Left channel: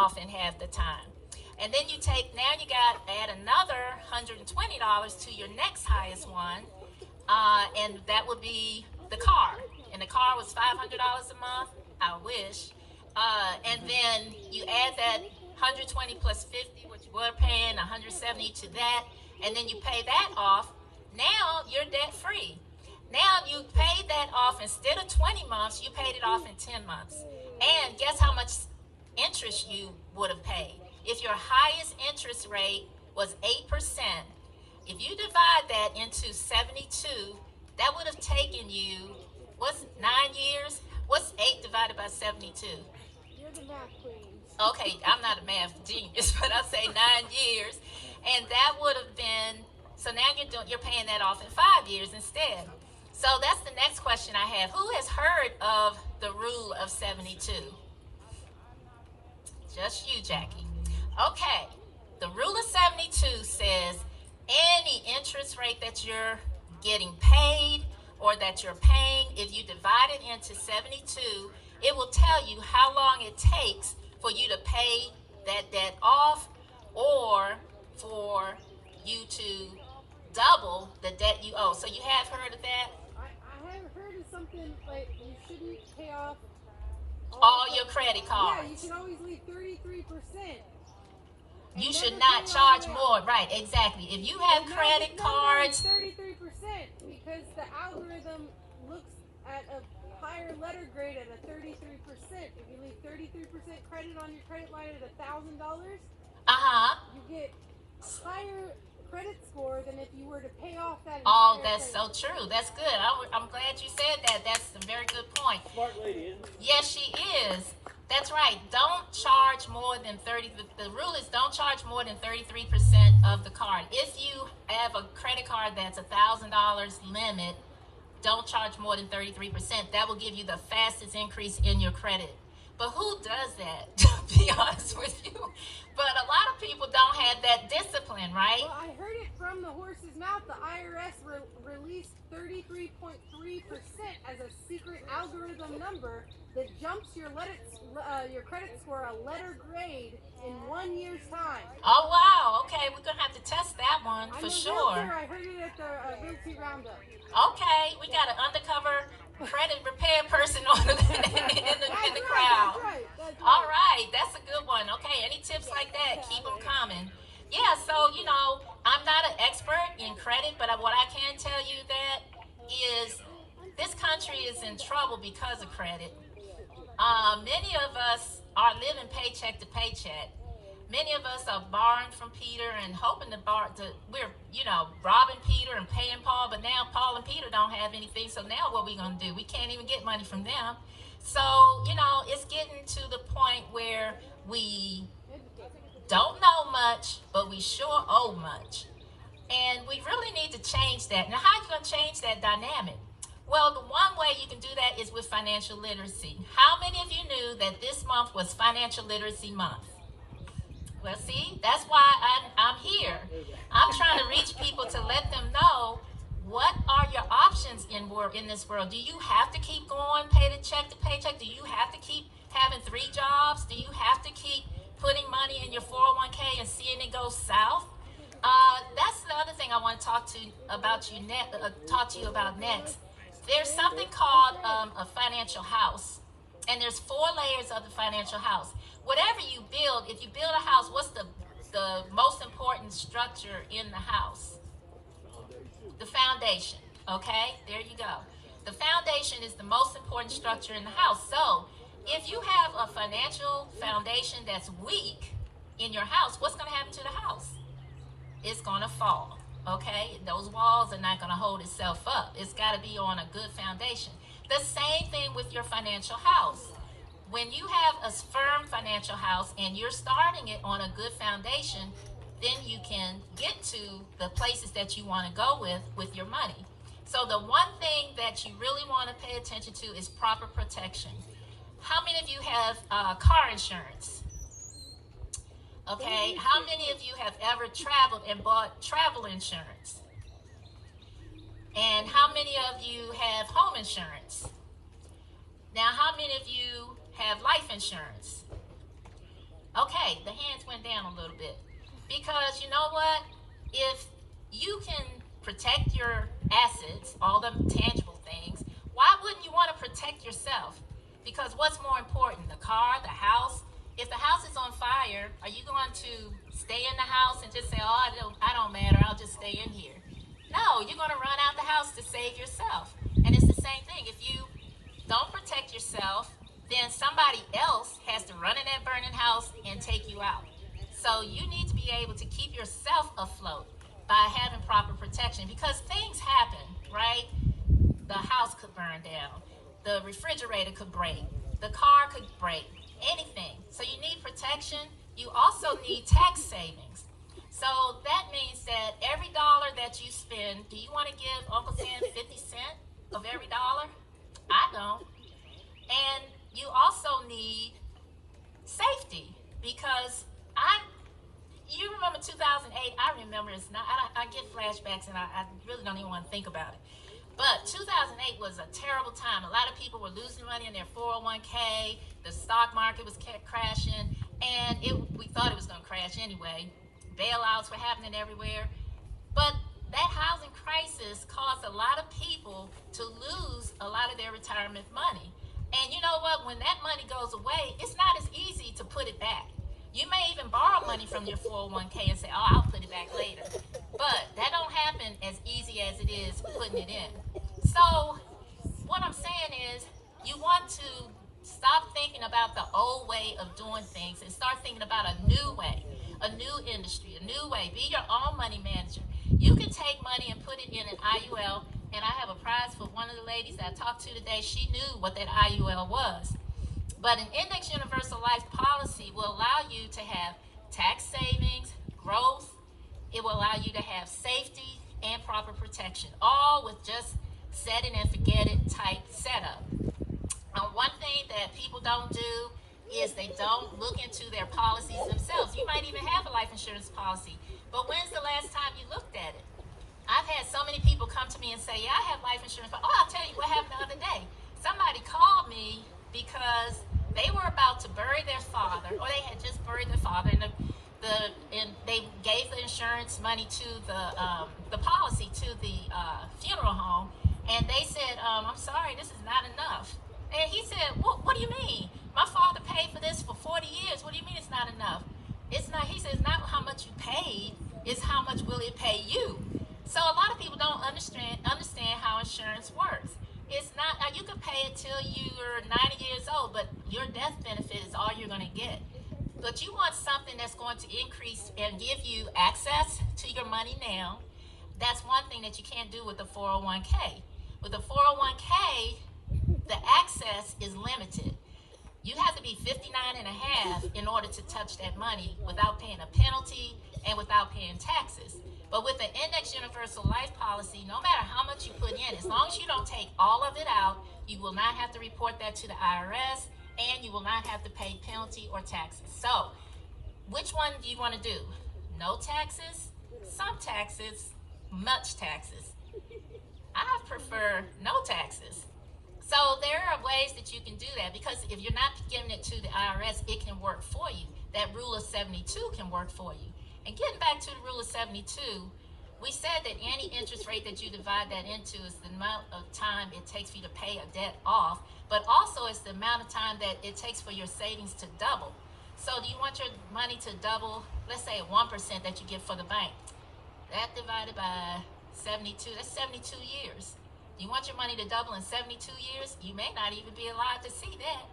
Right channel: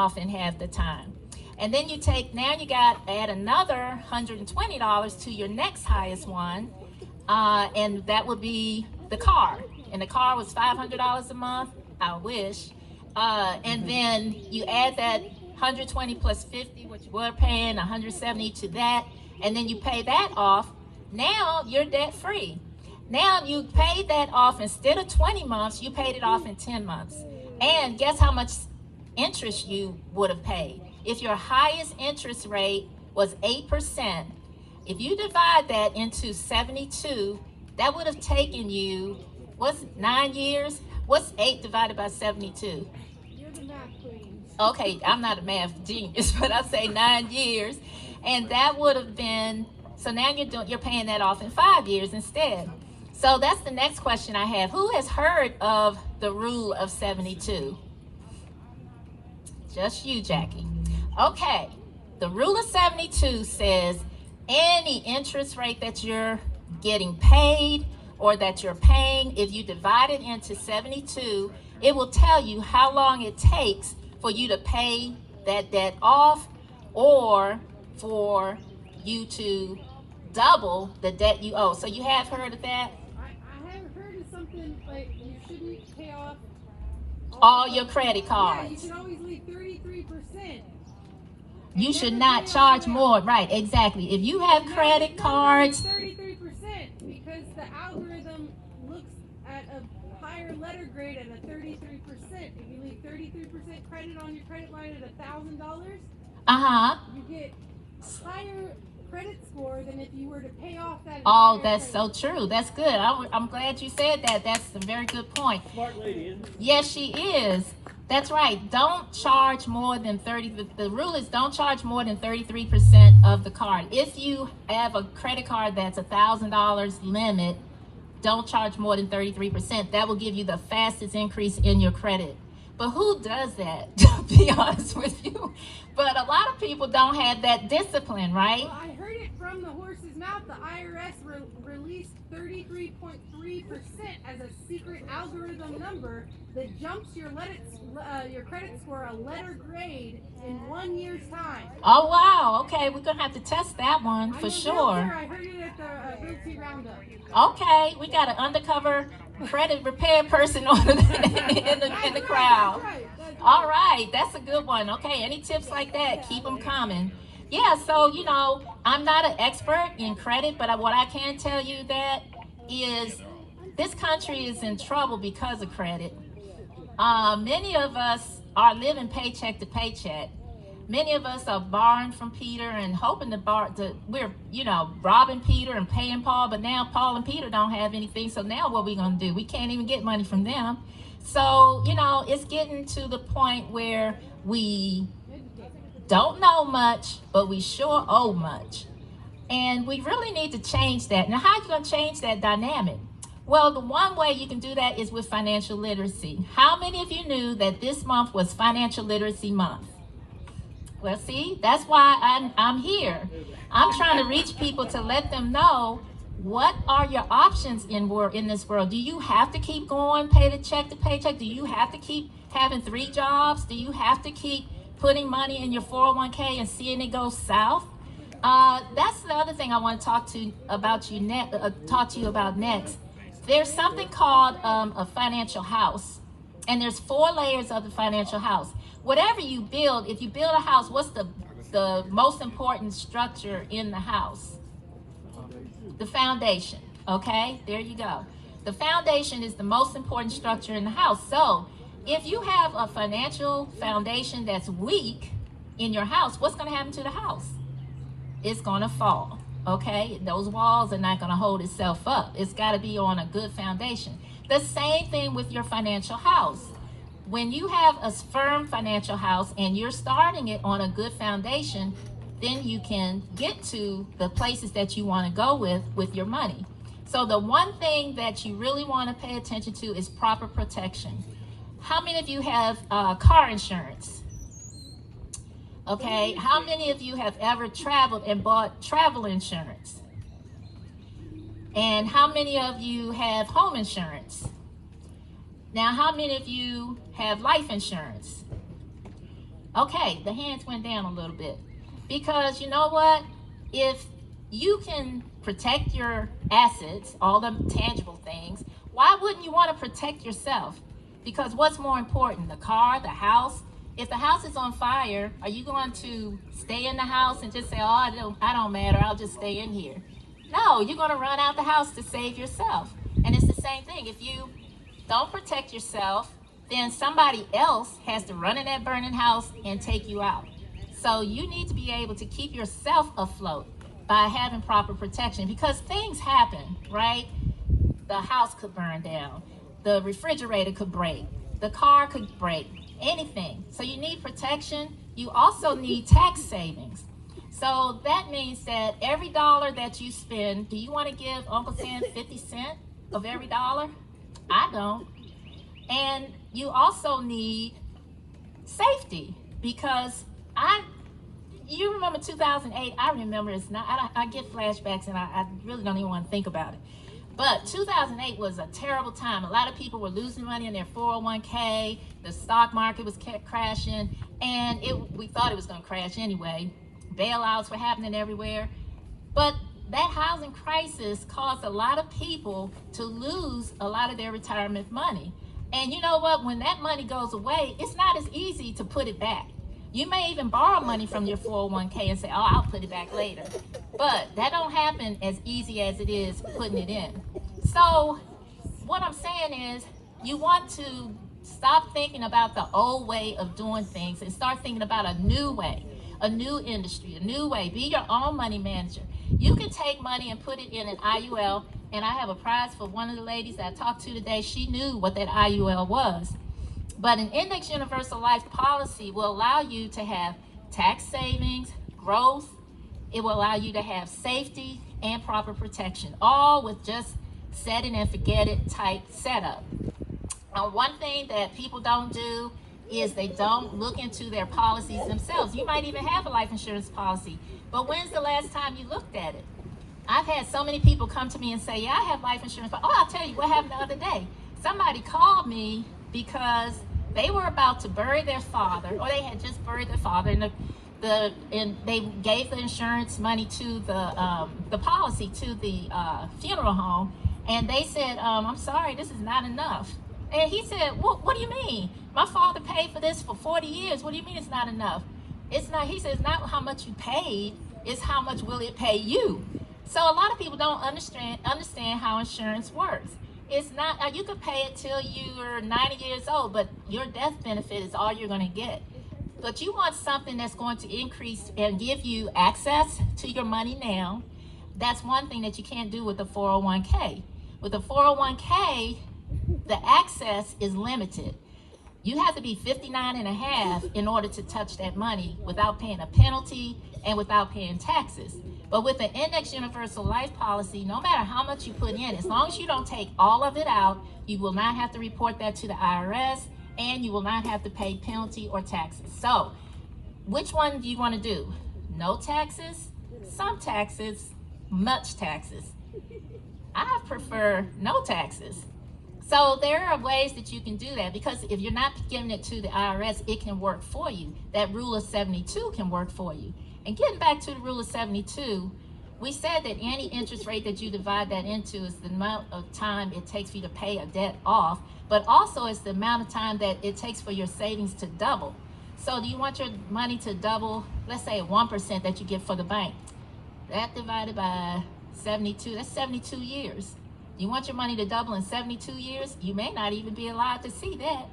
off in half the time. And then you take, now you got add another $120 to your next highest one, and that would be the car. And the car was $500 a month. I wish. And then you add that 120 plus 50, what you were paying, 170 to that, and then you pay that off. Now you're debt free. Now you paid that off instead of 20 months, you paid it off in 10 months. And guess how much interest you would have paid? If your highest interest rate was 8%, if you divide that into 72, that would have taken you, what's 9 years? What's 8 divided by 72? Okay, I'm not a math genius, but I'll say 9 years. And that would have been, so now you're paying that off in 5 years instead. So that's the next question I have. Who has heard of the rule of 72? Just you, Jackie. Okay, the rule of 72 says any interest rate that you're getting paid or that you're paying, if you divide it into 72, it will tell you how long it takes for you to pay that debt off, or for you to double the debt you owe. So you have heard of that? I haven't heard of something like you shouldn't pay off all your credit cards. Yeah, you should always leave 33%. You should not charge more. Right, exactly. If you have credit cards, 33%, because the algorithm looks at a higher letter grade at a 33%. If you leave 33% credit on your credit line at $1,000, you get higher credit score than if you were to pay off that. Oh, that's so true. That's good. I'm glad you said that. That's a very good point. Smart lady, isn't it? Yes, she is. That's right. Don't charge more than 30. The rule is don't charge more than 33% of the card. If you have a credit card that's $1,000 limit, don't charge more than 33%. That will give you the fastest increase in your credit. But who does that, to be honest with you? But a lot of people don't have that discipline, right? I heard it from the horse's mouth. The IRS released 33.3% as a secret algorithm number that jumps your credit score a letter grade in 1 year's time. Oh, wow. Okay, we're going to have to test that one for sure. I heard it at the BT Roundup. Okay, we got an undercover credit repair person in the crowd. All right, that's a good one. Okay, any tips like that, keep them coming. Yeah, so, I'm not an expert in credit, but what I can tell you that is this country is in trouble because of credit. Many of us are living paycheck to paycheck. Many of us are borrowing from Peter and hoping we're robbing Peter and paying Paul, but now Paul and Peter don't have anything, so now what are we going to do? We can't even get money from them. So, it's getting to the point where we don't know much, but we sure owe much. And we really need to change that. Now, how are you going to change that dynamic? Well, the one way you can do that is with financial literacy. How many of you knew that this month was Financial Literacy Month? Well, see, that's why I'm here. I'm trying to reach people to let them know what are your options in this world. Do you have to keep going paycheck to paycheck? Do you have to keep having 3 jobs? Do you have to keep putting money in your 401k and seeing it go south? That's the other thing I want to talk to you about next. There's something called a financial house, and there's 4 layers of the financial house. Whatever you build, if you build a house, what's the most important structure in the house? The foundation. Okay, there you go. The foundation is the most important structure in the house. So if you have a financial foundation that's weak in your house, what's going to happen to the house? It's going to fall. Okay, those walls are not going to hold itself up. It's got to be on a good foundation. The same thing with your financial house. When you have a firm financial house and you're starting it on a good foundation, then you can get to the places that you want to go with your money. So the one thing that you really want to pay attention to is proper protection. How many of you have car insurance? Okay, how many of you have ever traveled and bought travel insurance? And how many of you have home insurance? Now, how many of you have life insurance? Okay, the hands went down a little bit. Because you know what? If you can protect your assets, all the tangible things, why wouldn't you want to protect yourself? Because what's more important, the car, the house? If the house is on fire, are you going to stay in the house and just say, "Oh, I don't matter. I'll just stay in here"? No, you're going to run out the house to save yourself. And it's the same thing. If you don't protect yourself, then somebody else has to run in that burning house and take you out. So you need to be able to keep yourself afloat by having proper protection, because things happen, right? The house could burn down, the refrigerator could break, the car could break, anything. So you need protection. You also need tax savings. So that means that every dollar that you spend, do you want to give Uncle Sam 50 cents of every dollar? I don't. And you also need safety, because you remember 2008. I remember, it's not, I get flashbacks, and I really don't even want to think about it. But 2008 was a terrible time. A lot of people were losing money in their 401k. The stock market was crashing, and we thought it was going to crash anyway. Bailouts were happening everywhere. But that housing crisis caused a lot of people to lose a lot of their retirement money. And you know what? When that money goes away, it's not as easy to put it back. You may even borrow money from your 401k and say, "Oh, I'll put it back later." But that don't happen as easy as it is putting it in. So what I'm saying is, you want to stop thinking about the old way of doing things and start thinking about a new way, a new industry, a new way. Be your own money manager. You can take money and put it in an IUL, and I have a prize for one of the ladies that I talked to today. She knew what that IUL was. But an index universal life policy will allow you to have tax savings, growth. It will allow you to have safety and proper protection, all with just set it and forget it type setup. One thing that people don't do is they don't look into their policies themselves. You might even have a life insurance policy, but when's the last time you looked at it? I've had so many people come to me and say, "Yeah, I have life insurance." Oh, I'll tell you what happened the other day. Somebody called me because they were about to bury their father, or they had just buried their father, and they gave the insurance money to the policy to the funeral home, and they said, "I'm sorry, this is not enough." And he said, "Well, what do you mean? My father paid for this for 40 years. What do you mean it's not enough?" It's not. He says, "Not how much you paid, it's how much will it pay you." So a lot of people don't understand how insurance works. It's not, you could pay it till you're 90 years old, but your death benefit is all you're going to get. But you want something that's going to increase and give you access to your money now. That's one thing that you can't do with the 401k. With the 401k, the access is limited. You have to be 59 and a half in order to touch that money without paying a penalty and without paying taxes. But with the index universal life policy, no matter how much you put in, as long as you don't take all of it out, you will not have to report that to the IRS, and you will not have to pay penalty or taxes. So which one do you want to do? No taxes, some taxes, much taxes? I prefer no taxes. So there are ways that you can do that, because if you're not giving it to the IRS, it can work for you. That rule of 72 can work for you. And getting back to the rule of 72, we said that any interest rate that you divide that into is the amount of time it takes for you to pay a debt off, but also it's the amount of time that it takes for your savings to double. So do you want your money to double? Let's say 1% that you get for the bank. That divided by 72, that's 72 years. You want your money to double in 72 years? You may not even be alive to see that.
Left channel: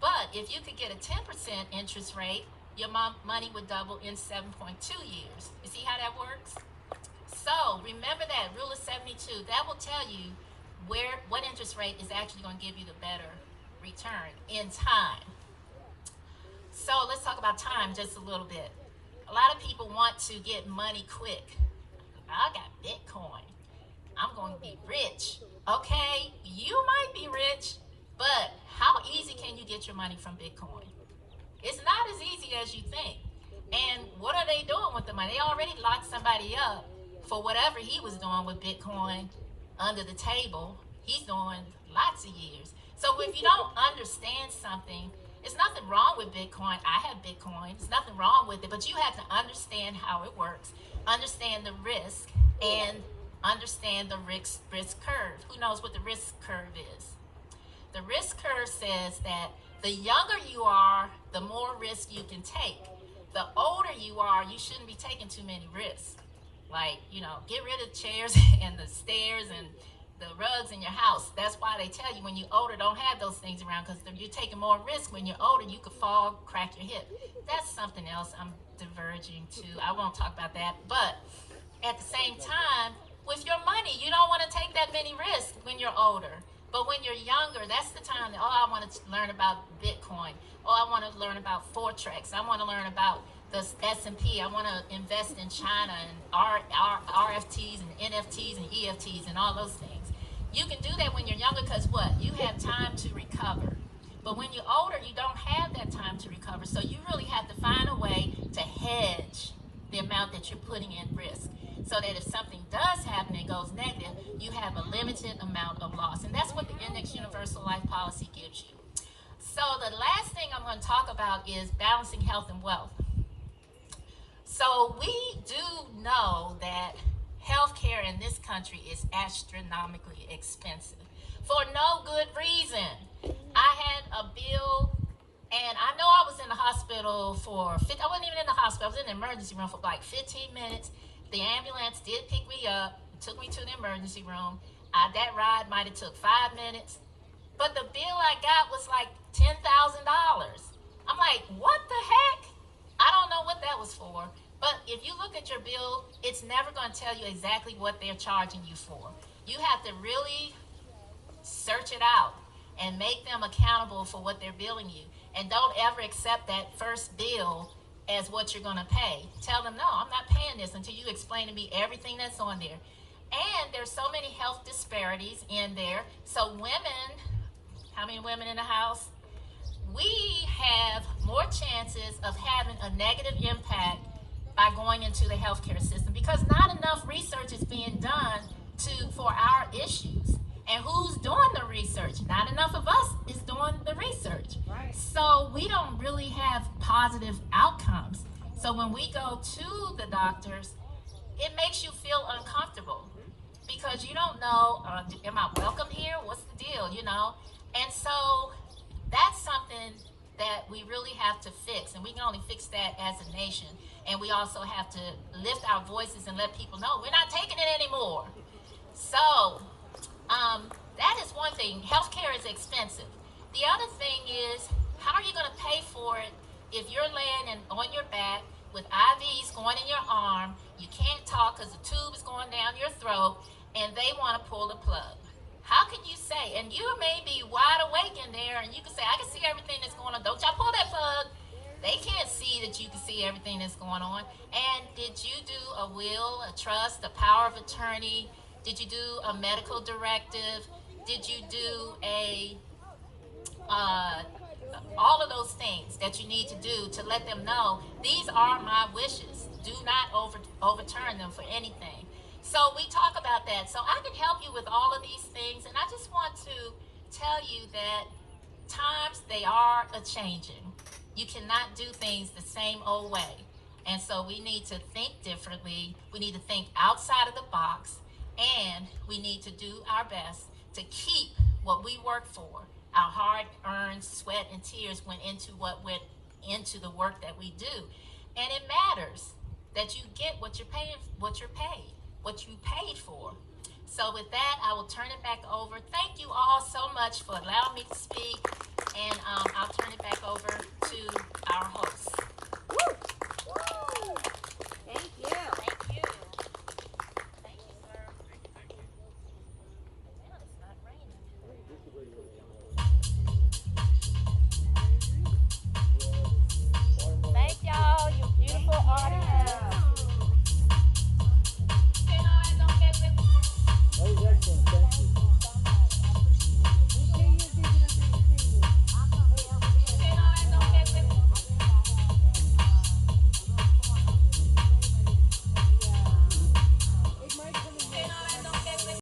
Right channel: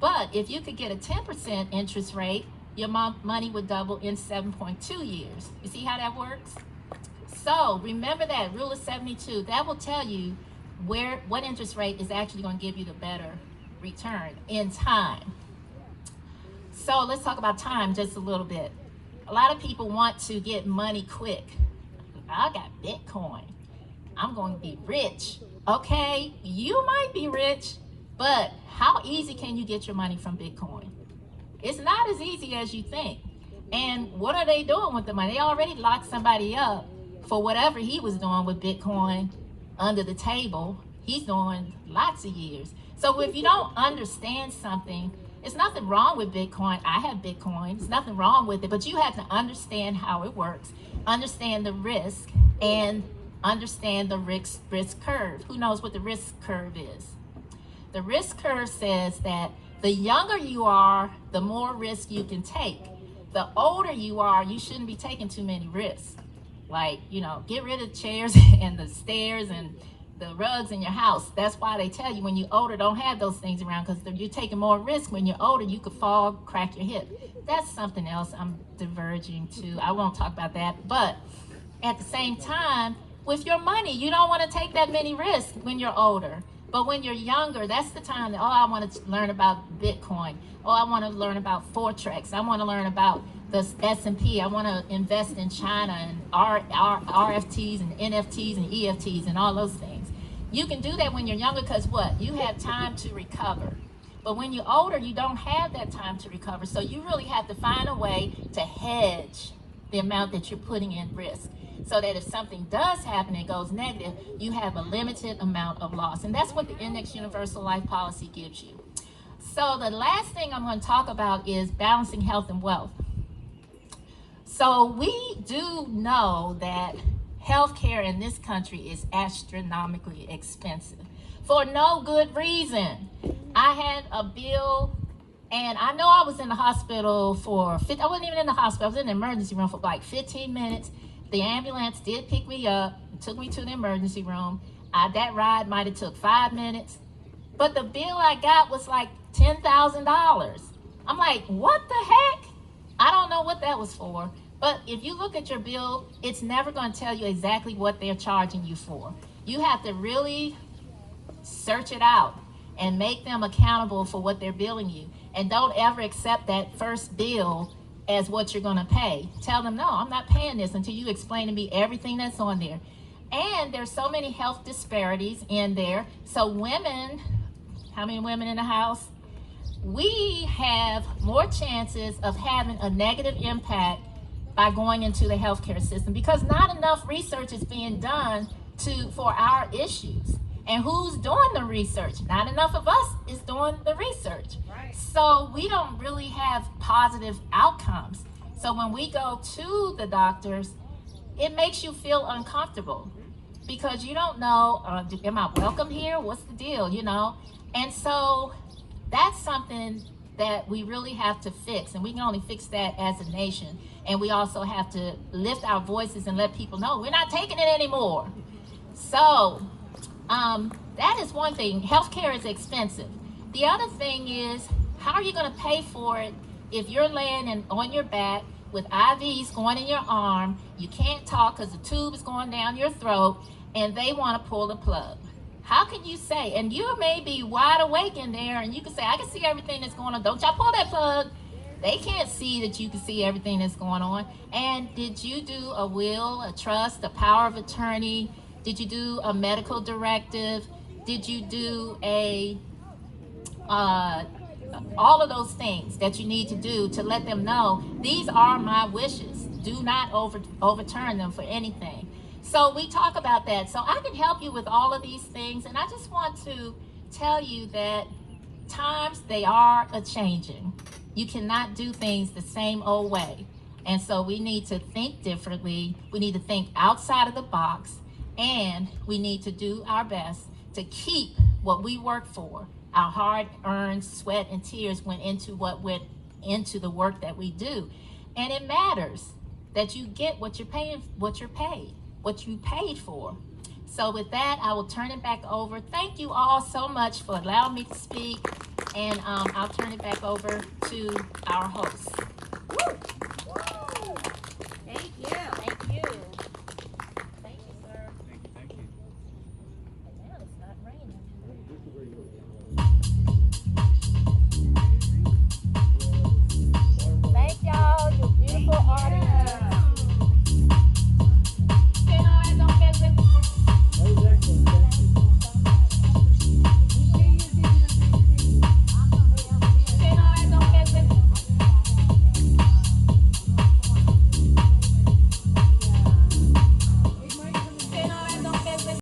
But if you could get a 10% interest rate, your money would double in 7.2 years. You see how that works? So remember that rule of 72. That will tell you what interest rate is actually going to give you the better return in time. So let's talk about time just a little bit. A lot of people want to get money quick. I got Bitcoin. I'm going to be rich. Okay, you might be rich, but how easy can you get your money from Bitcoin? It's not as easy as you think. And what are they doing with the money? They already locked somebody up for whatever he was doing with Bitcoin under the table. He's doing lots of years. So if you don't understand something, It's nothing wrong with Bitcoin. I have Bitcoin. There's nothing wrong with it, but you have to understand how it works, understand the risk, and understand the risk curve. Who knows what the risk curve is? The risk curve says that the younger you are, the more risk you can take. The older you are, you shouldn't be taking too many risks. Like, get rid of chairs and the stairs and the rugs in your house. That's why they tell you when you're older, don't have those things around, because you're taking more risk. When you're older, you could fall, crack your hip. That's something else I'm diverging to. I won't talk about that. But at the same time, with your money, you don't want to take that many risks when you're older. But when you're younger, that's the time that, I want to learn about Bitcoin. I want to learn about Forex. I want to learn about the S&P. I want to invest in China and RFTs and NFTs and EFTs and all those things. You can do that when you're younger because what? You have time to recover. But when you're older, you don't have that time to recover. So you really have to find a way to hedge the amount that you're putting in risk, so that if something does happen and goes negative, you have a limited amount of loss. And that's what the Index Universal Life Policy gives you. So the last thing I'm going to talk about is balancing health and wealth. So we do know that healthcare in this country is astronomically expensive for no good reason. I had a bill, and I know I was in the hospital I wasn't even in the hospital. I was in the emergency room for like 15 minutes. The ambulance did pick me up, took me to the emergency room. That ride might have took 5 minutes. But the bill I got was like $10,000. I'm like, what the heck? I don't know what that was for. But if you look at your bill, it's never going to tell you exactly what they're charging you for. You have to really search it out and make them accountable for what they're billing you. And don't ever accept that first bill as what you're going to pay. Tell them, no, I'm not paying this until you explain to me everything that's on there. And there's so many health disparities in there. So women, how many women in the house? We have more chances of having a negative impact by going into the healthcare system, because not enough research is being done for our issues. And who's doing the research? Not enough of us is doing the research. So we don't really have positive outcomes. So when we go to the doctors, it makes you feel uncomfortable because you don't know, am I welcome here? What's the deal, And so that's something that we really have to fix, and we can only fix that as a nation. And we also have to lift our voices and let people know we're not taking it anymore. So that is one thing. Healthcare is expensive. The other thing is, how are you going to pay for it if you're laying on your back with IVs going in your arm, you can't talk because the tube is going down your throat, and they want to pull the plug? How can you say, and you may be wide awake in there, and you can say, I can see everything that's going on. Don't y'all pull that plug. They can't see that you can see everything that's going on. And did you do a will, a trust, a power of attorney? Did you do a medical directive? Did you do all of those things that you need to do to let them know these are my wishes? Do not overturn them for anything. So we talk about that. So I can help you with all of these things. And I just want to tell you that times, they are a-changing. You cannot do things the same old way. And so we need to think differently. We need to think outside of the box. And we need to do our best to keep what we work for. Our hard-earned sweat and tears went into the work that we do. And it matters that you get what you paid for. So with that, I will turn it back over. Thank you all so much for allowing me to speak. And I'll turn it back over to our host.